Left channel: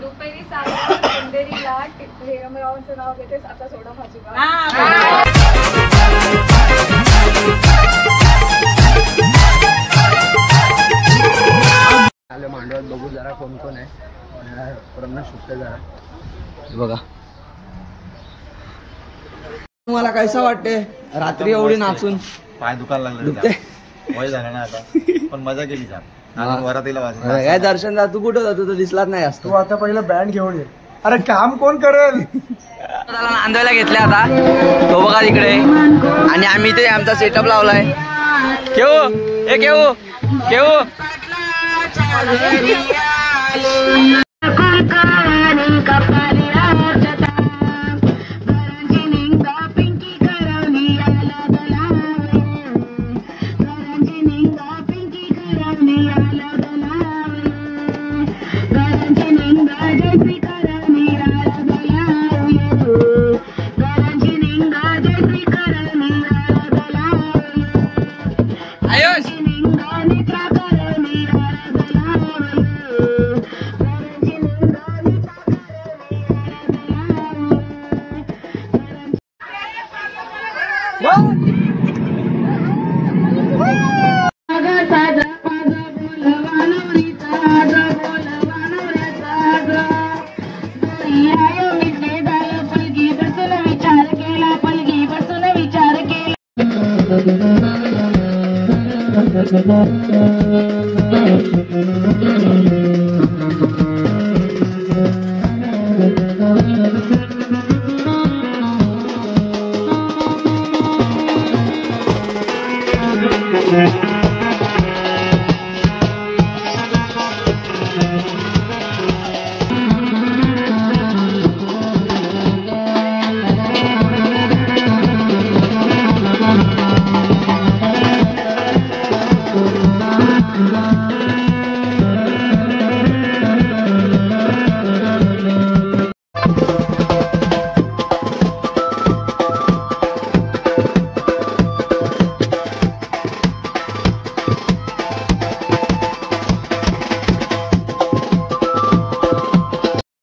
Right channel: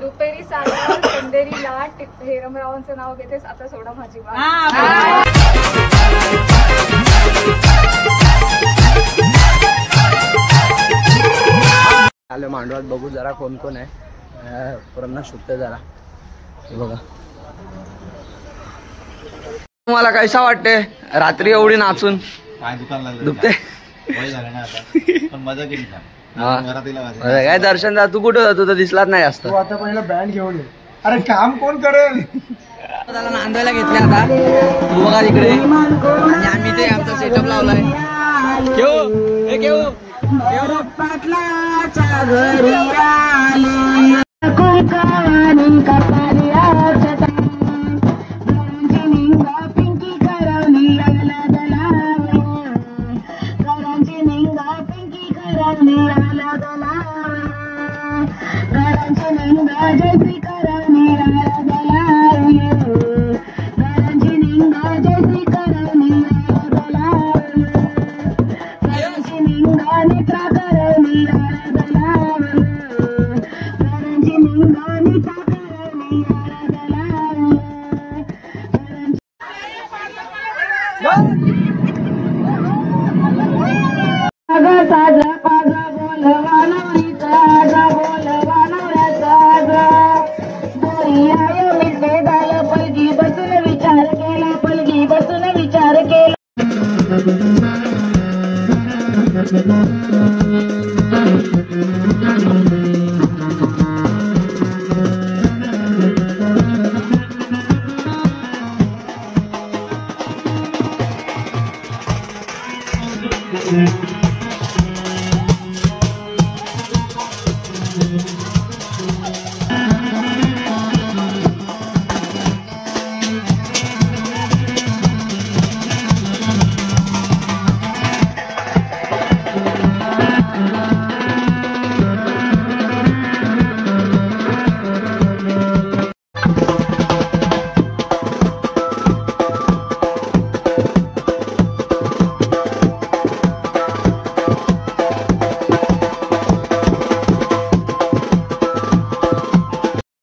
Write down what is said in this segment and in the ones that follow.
रुपेरी सागर पंढरी लाट हेरमरावांचं नाव घेतेस आता सोडा माझी वाट. आलो मांडवात बघू जरा कोण कोण आहे. पुरांना शोधते जरा. बघा तुम्हाला कैसा वाटते रात्री एवढी नाचून? पाय दुखायला लागले. दुखते वय झालं ना आता पण मजा केली का काय दर्शन तू कुठं जातो तर दिसलाच नाही जास्त. तू आता पहिला बँड घेऊन ये. अरे काम कोण करेल? त्याला नांदवायला घेतले आता तो बघा तिकडे आणि आम्ही ते आमचा सेटअप लावलाय. केऊ हे केऊ केऊ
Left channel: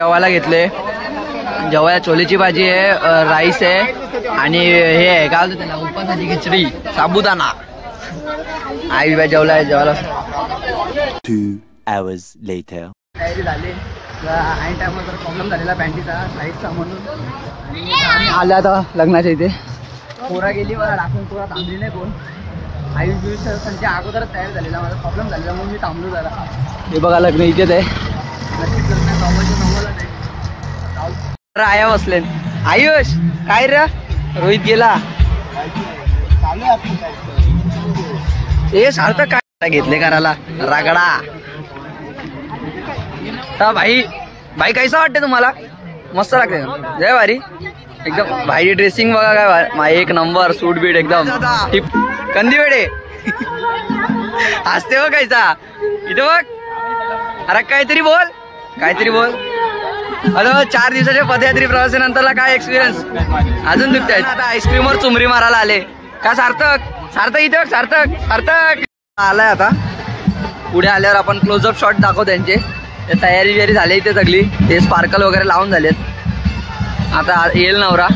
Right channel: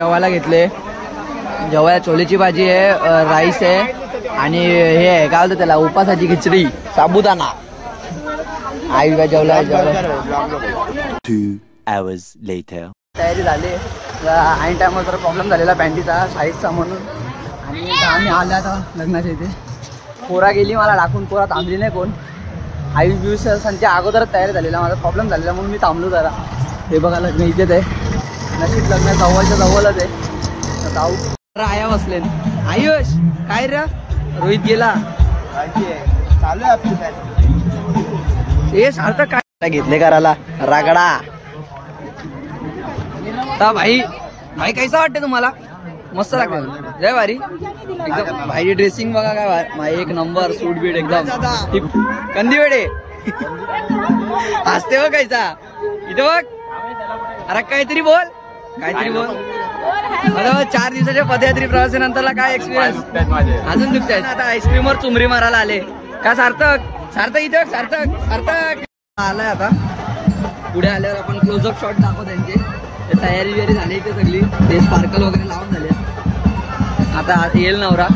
जेवायला घेतले. जेवायला छोलेची भाजी आहे, राईस आहे आणि हे आहे काय होतं त्याला उपासाची खिचडी साबुदाणा. आई बाई जेवलाय. जेवायला 2 hours later तयारी झाली. ऐन टायमावर जरा प्रॉब्लेम झालेला पॅन्टीचा साईजचा म्हणून आणि आम्ही आलो आता लग्नाच्या इथे. पोरा गेली मला टाकून. पोरा थांबली नाही कोण. आयुष बियुष संख्या अगोदरच तयार झालेला. माझा प्रॉब्लेम झालेला म्हणून मी थांबलो जरा. हे बघा लग्न इथेच आहे. नशीब लग्न जवळच्या जवळच आहे. आया बसले. आयुष काय रे रोहित गेला चालू आहे आपली. हे सारखं काय घेतले करायला रागडा. तर भाई भाई कैसा वाटते तुम्हाला? मस्त लागते जय भारी एकदम. भाई ड्रेसिंग बघा काय एक नंबर. सूट बीट एकदम टिप. कंदी वेडे हसते बघ कैसा इथे बघ. अरे काहीतरी बोल काहीतरी बोल. अरे 4 दिवसाच्या पदयात्री प्रवासानंतरला काय एक्सपिरियन्स? अजून दुखत आहेत. आता आईस्क्रीमवर चुमरी मारायला आले का? सार्थक सार्थक इथे सार्थक सार्थक आलाय. आता पुढे आल्यावर आपण क्लोजअप शॉट दाखवू त्यांचे. तयारी बियारी झाली इथे सगळी. ते स्पार्कल वगैरे लावून झालेत. आता येईल नवरा.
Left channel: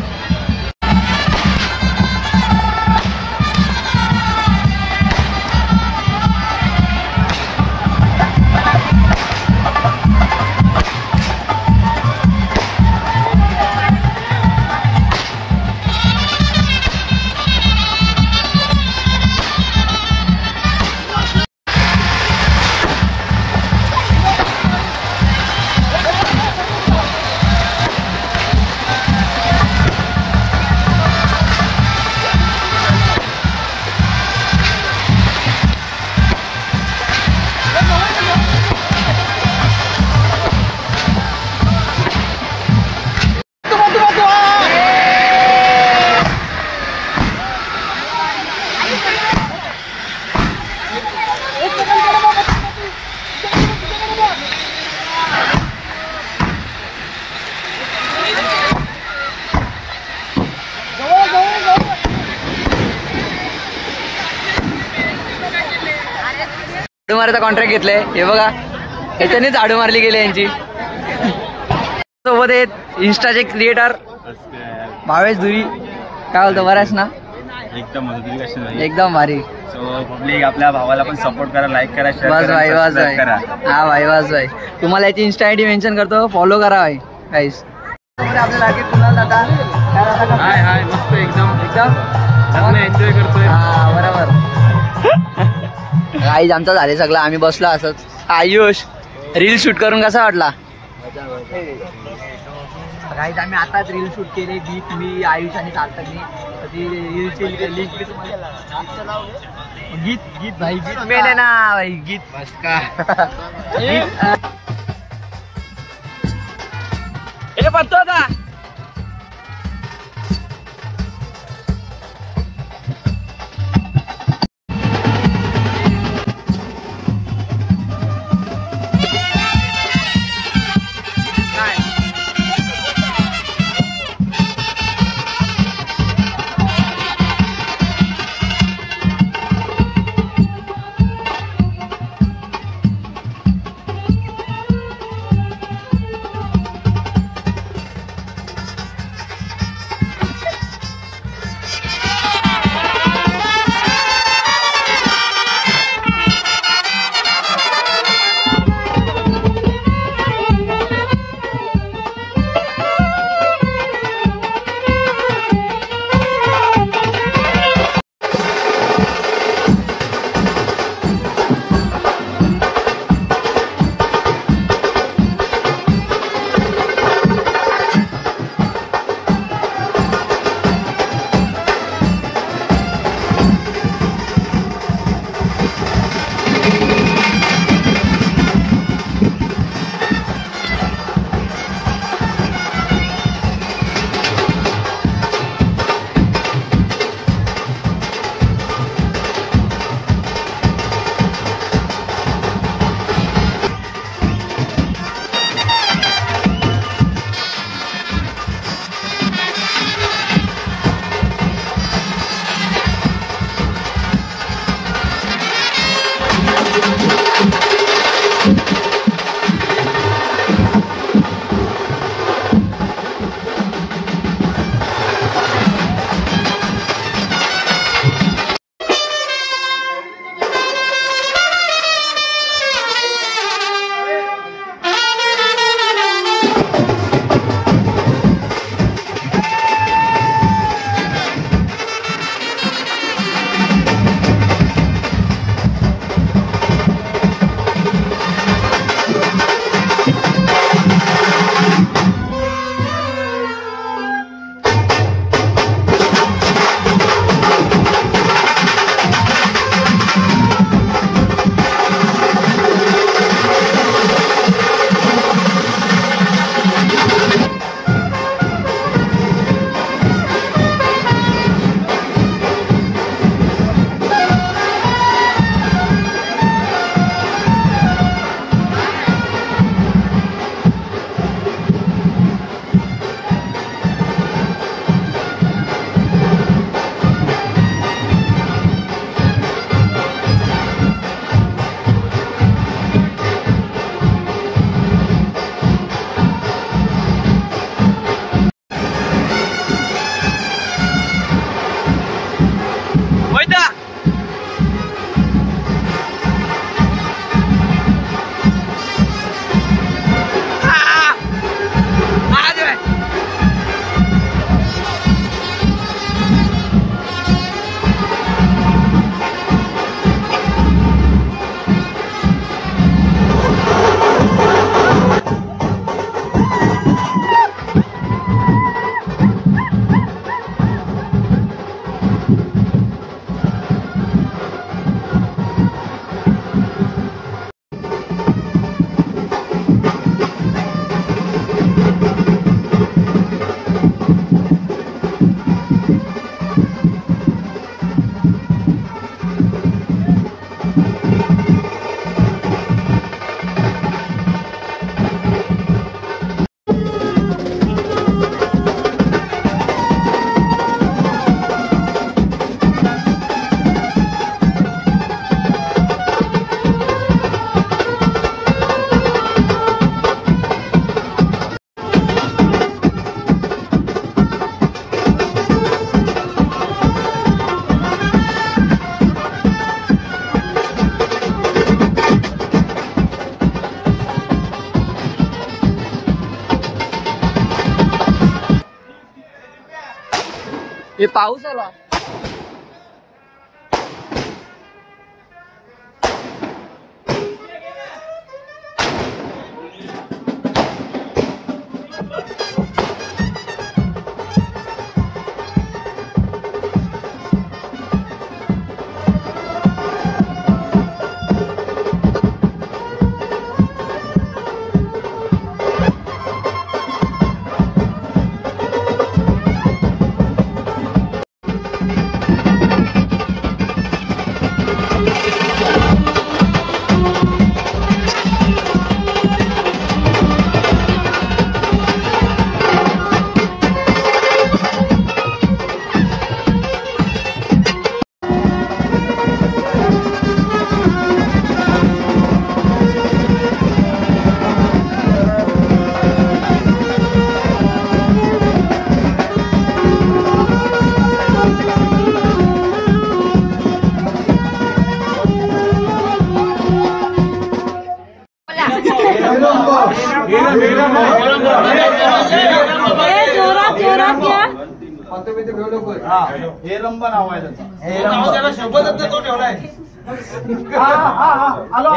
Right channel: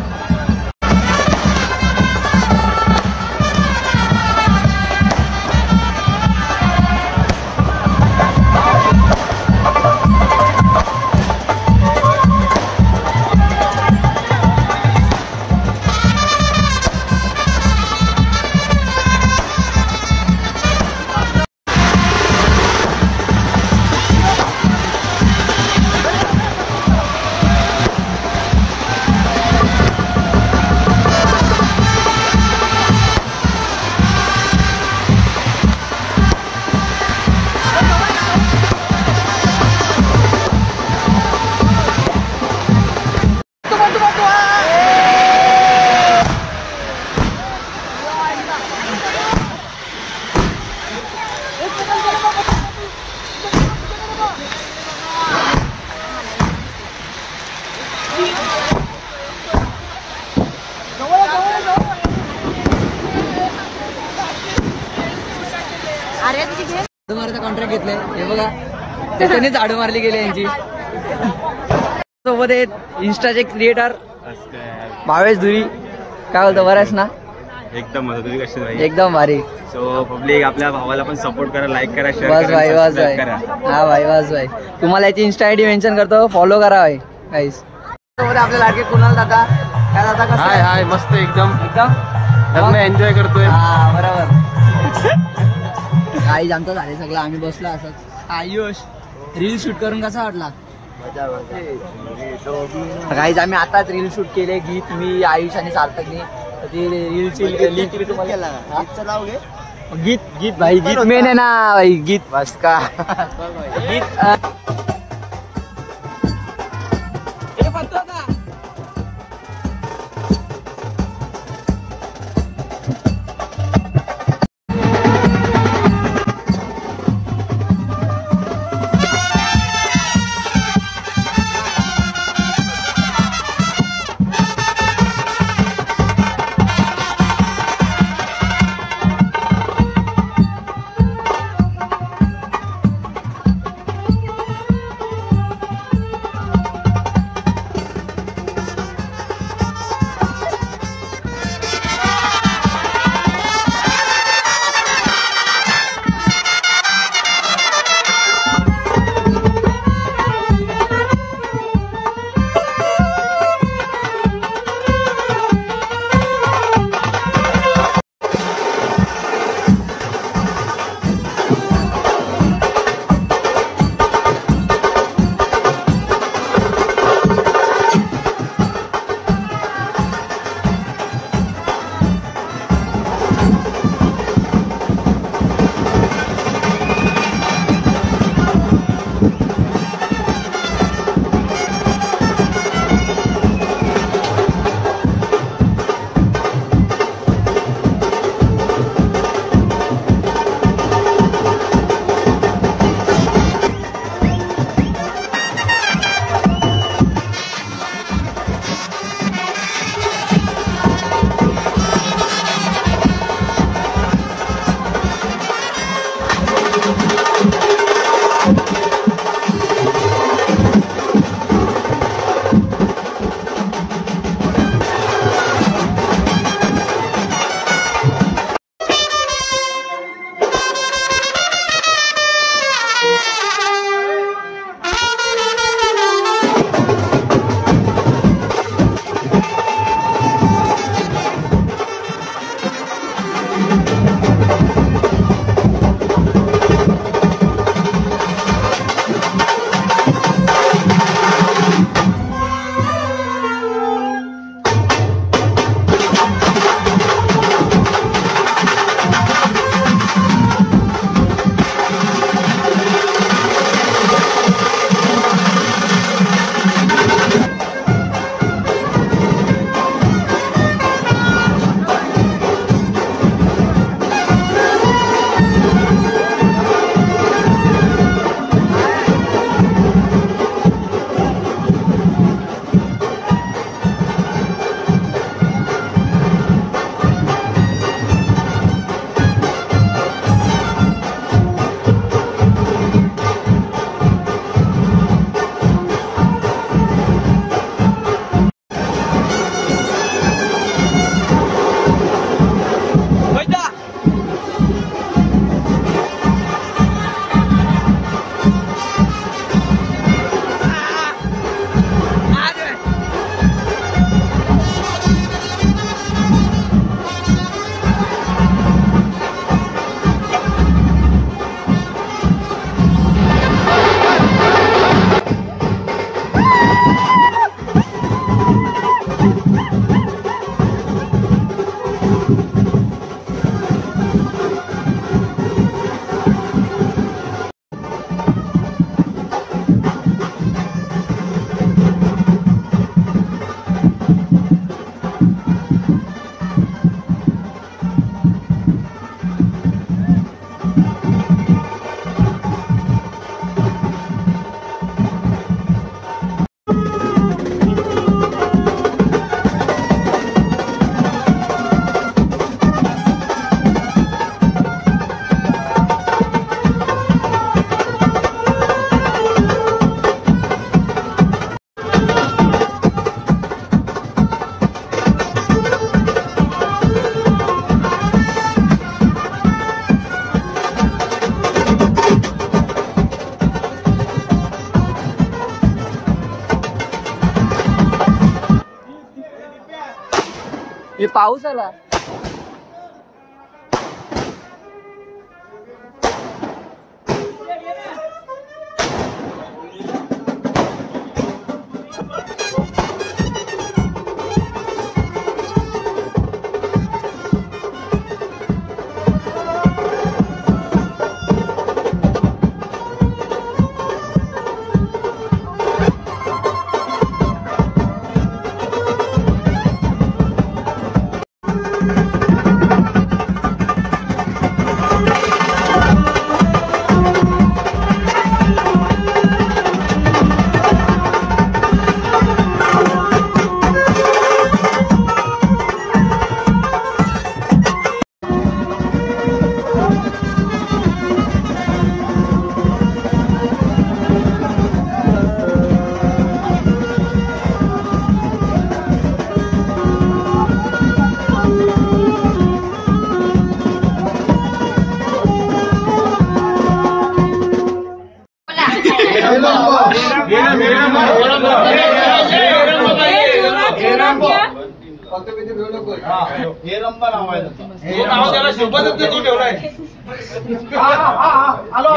झाडू मारायचा कॉन्ट्रॅक्ट घेतले हे बघा, त्याच्याने झाडू मारली गेली यांची. सोबत आहेत इंस्टाचे क्रिएटर भावेश धुरी. काय बोलतो, बऱ्याच ना? एकदम मजा. तुझी कशी भाई? एकदम भारी. सो पब्लिक आपल्या भावाला पण सपोर्ट करा, लाईक करा, शेअर बस भाई, बस भाई. हा भाई, बस भाई. तुम्हाला याची इंस्टा आयडी मेन्शन करतो, फॉलो करा भाई गाईस. सोबत आपल्या लाडके कुणाल दादा. काय दादा कसं आहे? हाय मस्त एकदम एकदम एन्जॉय करतोय. हा बरोबर. गाईज आमचं झाले सगळं, आम्ही बसलो असंच. आयुष रील शूट करून कसा वाटला? गाईज आम्ही आताच रील शूट केले, गीत मी आयुष आणि सार्थकनी. तर ती रीलची लिंक तुम्हाला गीत गीत भाई गीत मेन आहे ना भाई, गीत बस का गीत हे पत्तो होता. हे पाऊस आला. हे रंब नाव आहे त्याला शोभत तो ठेवलाय. आलो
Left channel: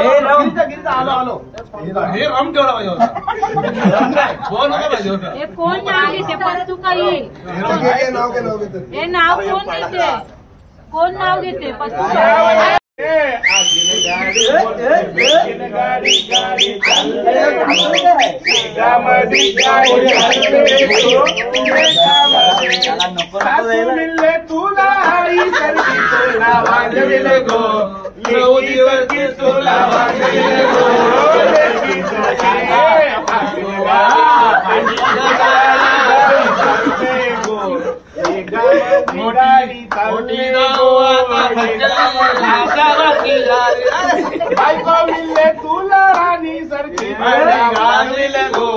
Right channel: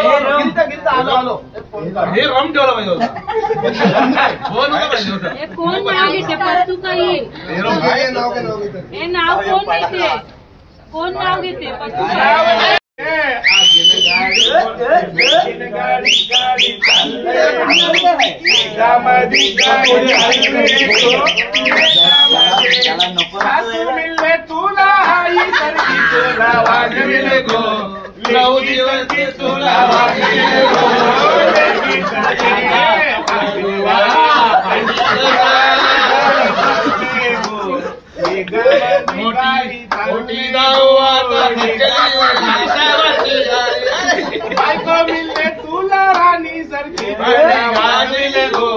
आलो हे रम ठेवला पाहिजे. कोण नाव घेते पत्तू काही हे नाव कोण घेते कोण नाव घेते पत्तू काय. तुला वाजविले गो 9 दिवस तुला वाजविले बायको मिळले तुला राणी सारखी गाजविले गो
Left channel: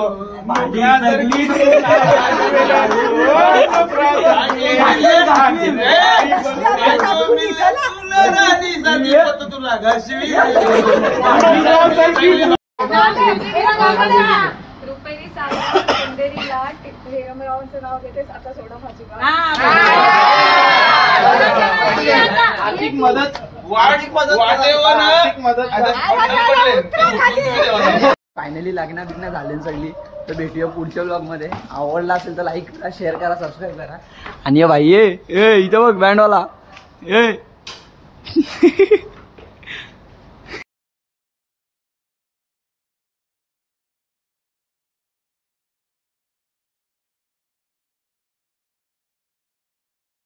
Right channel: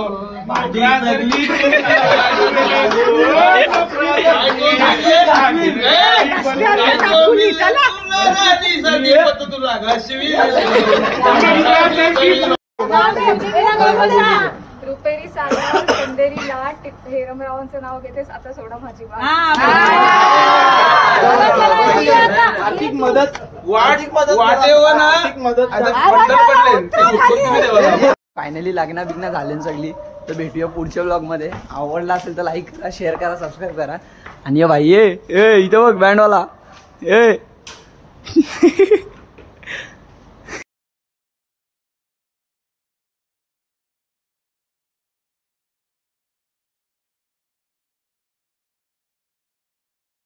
सारखी तुला घासवी रुपेरी सागर पंढरीला हेरमरावांचं नाव घेतेस आता सोडा माझी वाट. आर्थिक मदत फायनली लग्न बिग्न झाले सगळी. तर भेटूया पुढच्या ब्लॉग मध्ये. आवडला असेल तर लाईक करा, शेअर करा, सबस्क्राईब करा. आणि भाई ये इथं बघ बँडवाला ए